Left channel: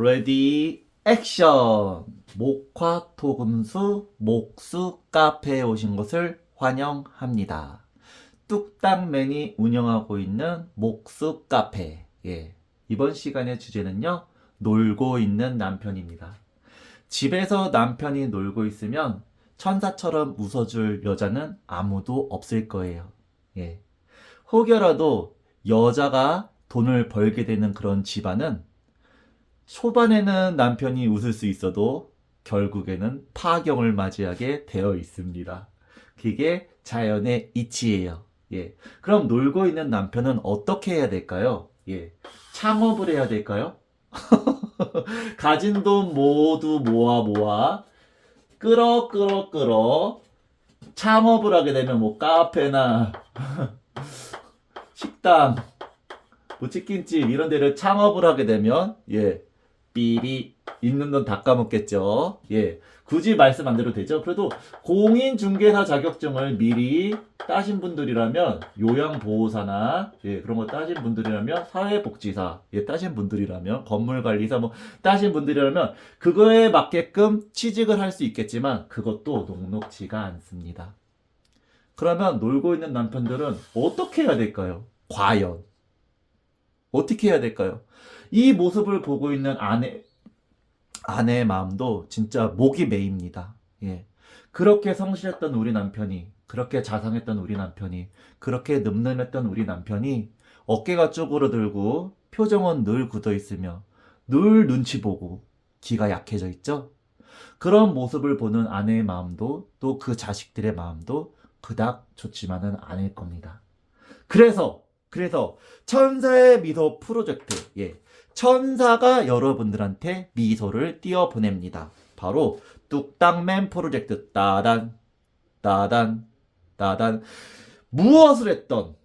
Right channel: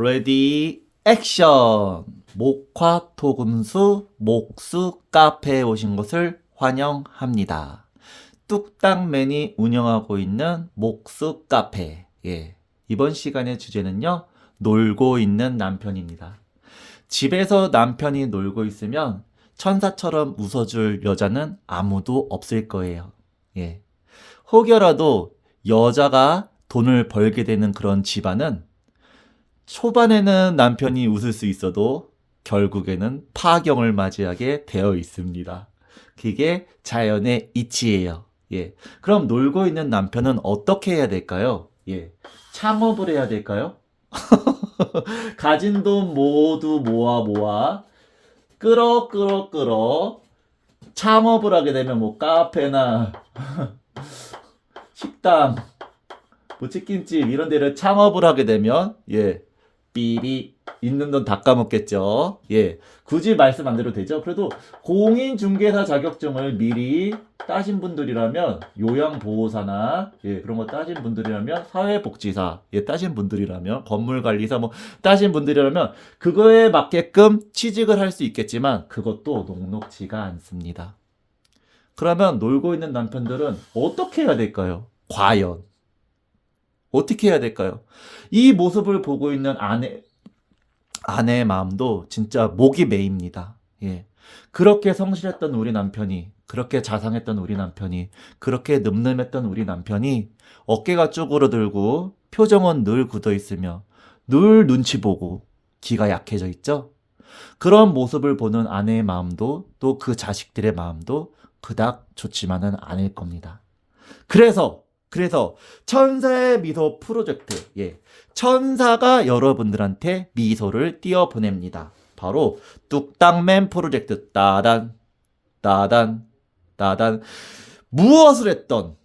레디 액션 목화 토금수 목수 카페에 오신 것을 환영합니다. 뚝딱맨이 운영하고 있는 목수 카페. 예. 이번 시간의 주제는요. 놀고 있는 남편입니다. 집에서 남편이 놀고 있으면 천사처럼 웃어줄 여자는 아무도 없을 거예요. 예. 혹여라도 여자가 돈을 벌게 되는 그런 집안은 초반에는 남편이 웃을 수 있어도 결국에는 파경을 맞이하게 되어 있습니다. 그게 자연의 이치예요. 예. 그럼 놀고 있는 남편은 어떻게 해야 될까요? 예. 창업을 해야 될까요? 가진 돈 모두 모아 모아 끌어 끌어 끌어 창업을 하게 되면 뭐 카페나 식당 뭐 치킨집 이런 데를 창업을 하게 되면 예 삐비 있는 돈 다 까먹겠죠 예 굳이 말씀 안 드려도 되죠 그래도 공인중개사 자격증을 미리 따신 분들이라면 요양보호사나 예 그런 거 따신 분들이라면 사회복지사 예 따신 분들이라면 건물관리사 뭐 따신 분들이라면 그거에 맞게끔 취직을 할 수 있겠지만 그것도 녹록지가 않습니다. 그러면 놀고 있는 남편들은 어떻게 해야 될까요? 과연 어떻게 해야 될까요? 이 모습을 보고 있는 아내 아내의 마음도 진짜 목이 메입니다. 예. 그렇게 성실했던 우리 남편이 그렇게 자상했던 우리 남편이 그렇게 늠름했던 우리 남편이 어깨가 쪼그러들고 표정은 늘 굳어 있으며 늘 눈치 보고 기가 약해져 있죠. 그런 모습을 보는 아내의 마음도 또 그 자식들의 마음도 그닥 좋지만은 않을 겁니다. 그래서 그래서 천사의 미소 프로젝트 예 천사가 여러분들한테 미소를 띄워 보냅니다. 바로 뚝딱맨 프로젝트 따단 따단 따단 무엇을 했던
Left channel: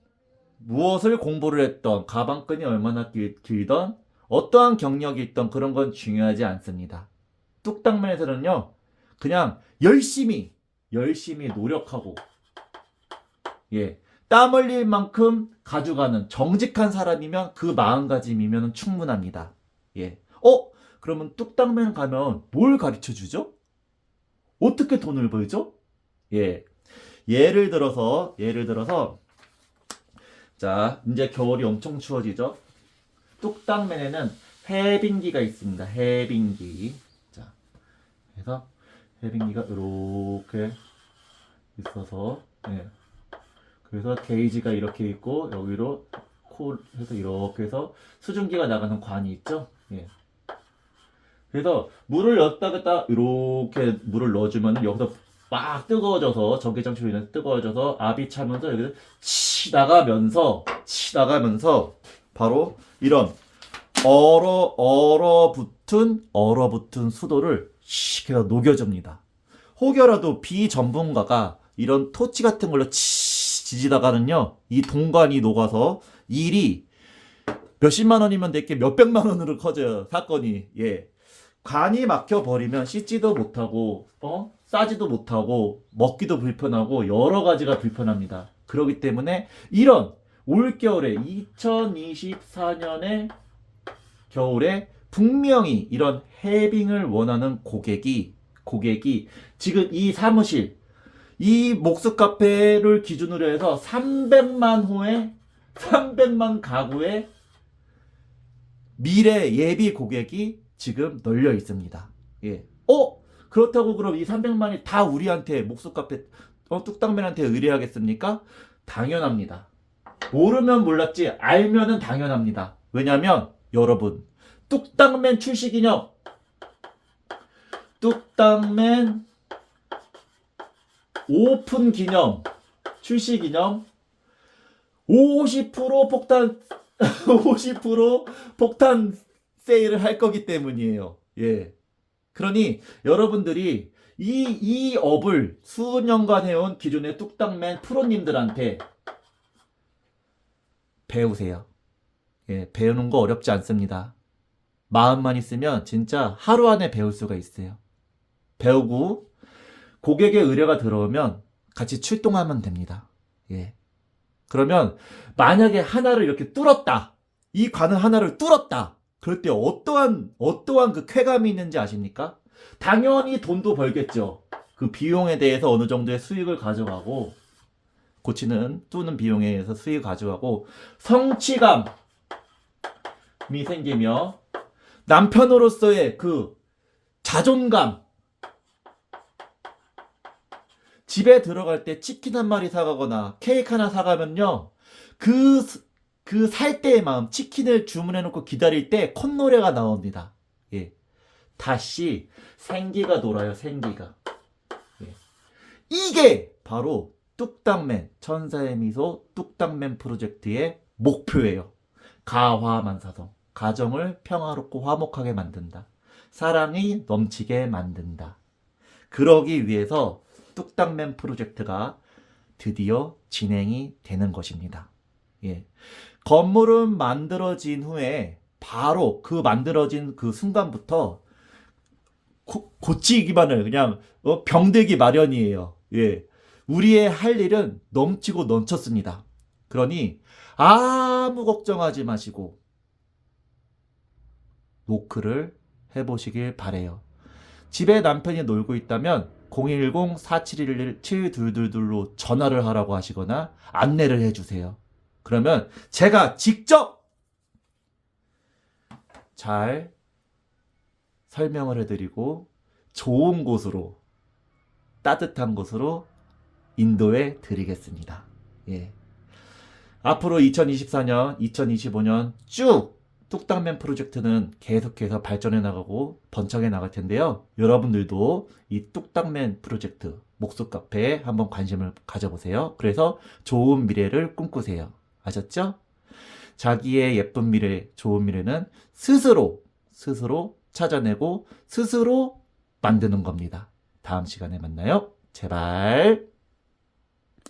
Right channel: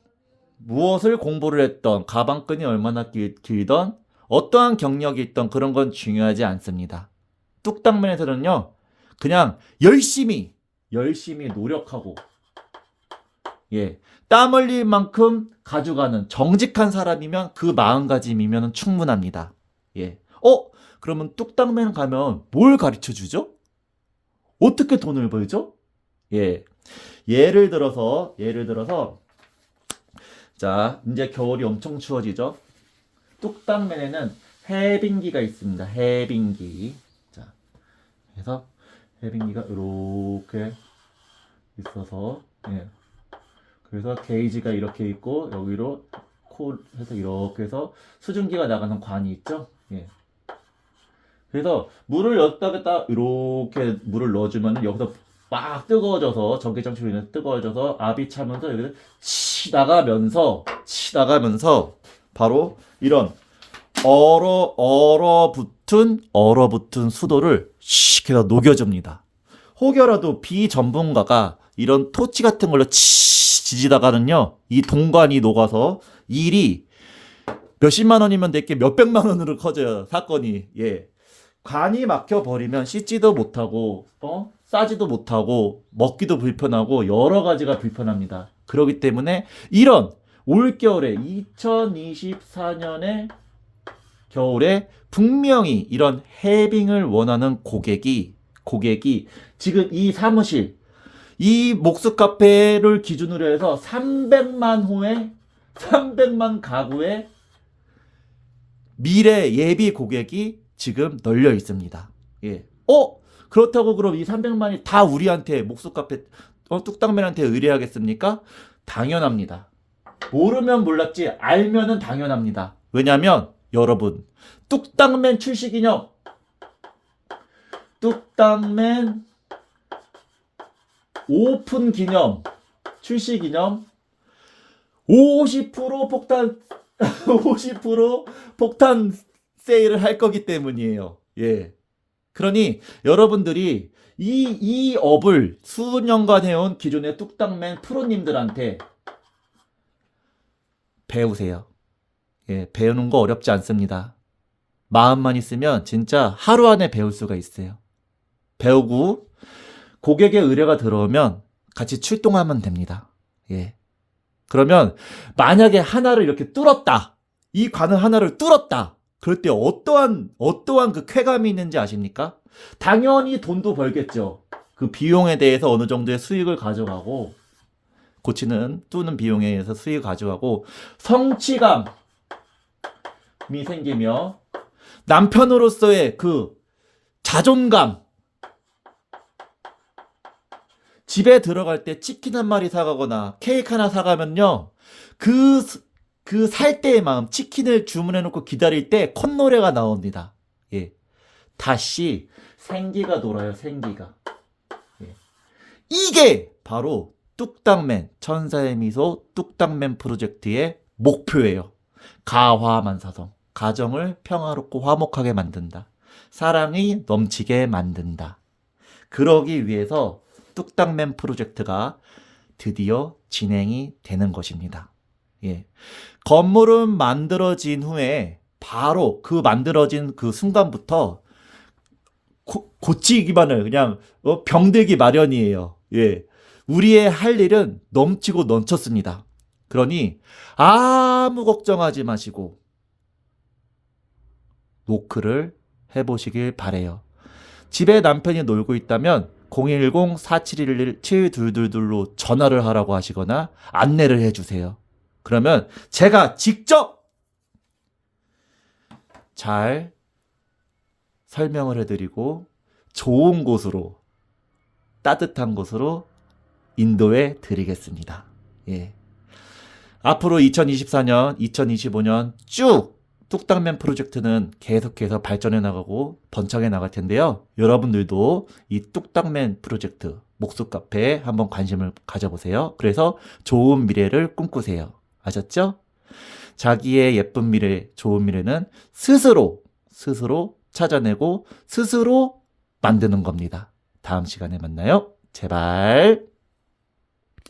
무엇을 공부를 했던 가방끈이 얼마나 길, 길던 어떠한 경력이 있던 그런 건 중요하지 않습니다. 뚝딱맨에서는요 그냥 열심히 열심히 노력하고 예. 땀 흘릴 만큼 가져가는 정직한 사람이면 그 마음가짐이면 충분합니다. 예. 어? 그러면 뚝딱맨 가면 뭘 가르쳐 주죠? 어떻게 돈을 벌죠? 예. 예를 들어서, 예를 들어서, 자, 이제 겨울이 엄청 추워지죠? 뚝딱맨에는 해빙기가 있습니다. 해빙기. 자, 그래서 해빙기가 이렇게 있어서, 예. 그래서 게이지가 이렇게 있고 여기로 코 해서 이렇게 해서 수증기가 나가는 관이 있죠. 예. 그래서 물을 넣었다가 이렇게 물을 넣어주면 여기서 막 뜨거워져서 전기장 치로 인해 뜨거워져서 압이 차면서 여기서 치 나가면서 치 나가면서 바로 이런 얼어 얼어붙은 얼어붙은 수도를 씩 해서 녹여줍니다. 혹여라도 비전문가가 이런 토치 같은 걸로 치 지지다가는요 이 동관이 녹아서 일이 몇십만 원이면 될게 몇백만 원으로 커져요 사건이. 예. 관이 막혀 버리면 씻지도 못하고 어? 싸지도 못하고 먹기도 불편하고 여러 가지가 불편합니다. 그렇기 때문에 이런 올 겨울에 2024년에 겨울에 분명히 이런 해빙을 원하는 고객이 고객이 지금 이 사무실 이 목수 카페를 기준으로 해서 300만 호의 300만 가구의 미래 예비 고객이 지금 널려 있습니다. 예. 어? 그렇다고 그럼 이 300만이 다 우리한테 목수 카페 어, 뚝딱맨한테 의뢰하겠습니까? 당연합니다. 모르면 몰랐지 알면은 당연합니다. 왜냐면 여러분 뚝딱맨 출시 기념 뚝딱맨 오픈 기념, 출시 기념, 50% 폭탄, 50% 폭탄 세일을 할 거기 때문이에요. 예. 그러니 여러분들이 이, 이 업을 수년간 해온 기존의 뚝딱맨 프로님들한테 배우세요. 예, 배우는 거 어렵지 않습니다. 마음만 있으면 진짜 하루 안에 배울 수가 있어요. 배우고 고객의 의뢰가 들어오면 같이 출동하면 됩니다. 예. 그러면 만약에 하나를 이렇게 뚫었다. 이 관을 하나를 뚫었다. 그럴 때 어떠한 어떠한 그 쾌감이 있는지 아십니까? 당연히 돈도 벌겠죠. 그 비용에 대해서 어느 정도의 수익을 가져가고 고치는 뚜는 비용에 의해서 수익을 가져가고 성취감이 생기며 남편으로서의 그 자존감 집에 들어갈 때 치킨 한 마리 사가거나 케이크 하나 사가면요 그 그 살 때의 마음 치킨을 주문해 놓고 기다릴 때 콧노래가 나옵니다. 예. 다시 생기가 돌아요 생기가. 예. 이게 바로 뚝딱맨 천사의 미소 뚝딱맨 프로젝트의 목표예요. 가화만사성 가정을 평화롭고 화목하게 만든다. 사랑이 넘치게 만든다. 그러기 위해서 뚝딱맨 프로젝트가 드디어 진행이 되는 것입니다. 예. 건물은 만들어진 후에 바로 그 만들어진 그 순간부터 고, 고치기만을 그냥 어, 병들기 마련이에요. 예. 우리의 할 일은 넘치고 넘쳤습니다. 그러니 아무 걱정하지 마시고 노크를 해보시길 바래요. 집에 남편이 놀고 있다면 010-4711-7222로 전화를 하라고 하시거나 안내를 해주세요. 그러면 제가 직접 잘 설명을 해드리고 좋은 곳으로 따뜻한 곳으로 인도해 드리겠습니다. 예. 앞으로 2024년, 2025년 쭉 뚝딱맨 프로젝트는 계속해서 발전해 나가고 번창해 나갈 텐데요. 여러분들도 이 뚝딱맨 프로젝트 목수 카페에 한번 관심을 가져보세요. 그래서 좋은 미래를 꿈꾸세요. 아셨죠? 자기의 예쁜 미래, 좋은 미래는 스스로, 스스로 찾아내고 스스로 만드는 겁니다. 다음 시간에 만나요. 제발.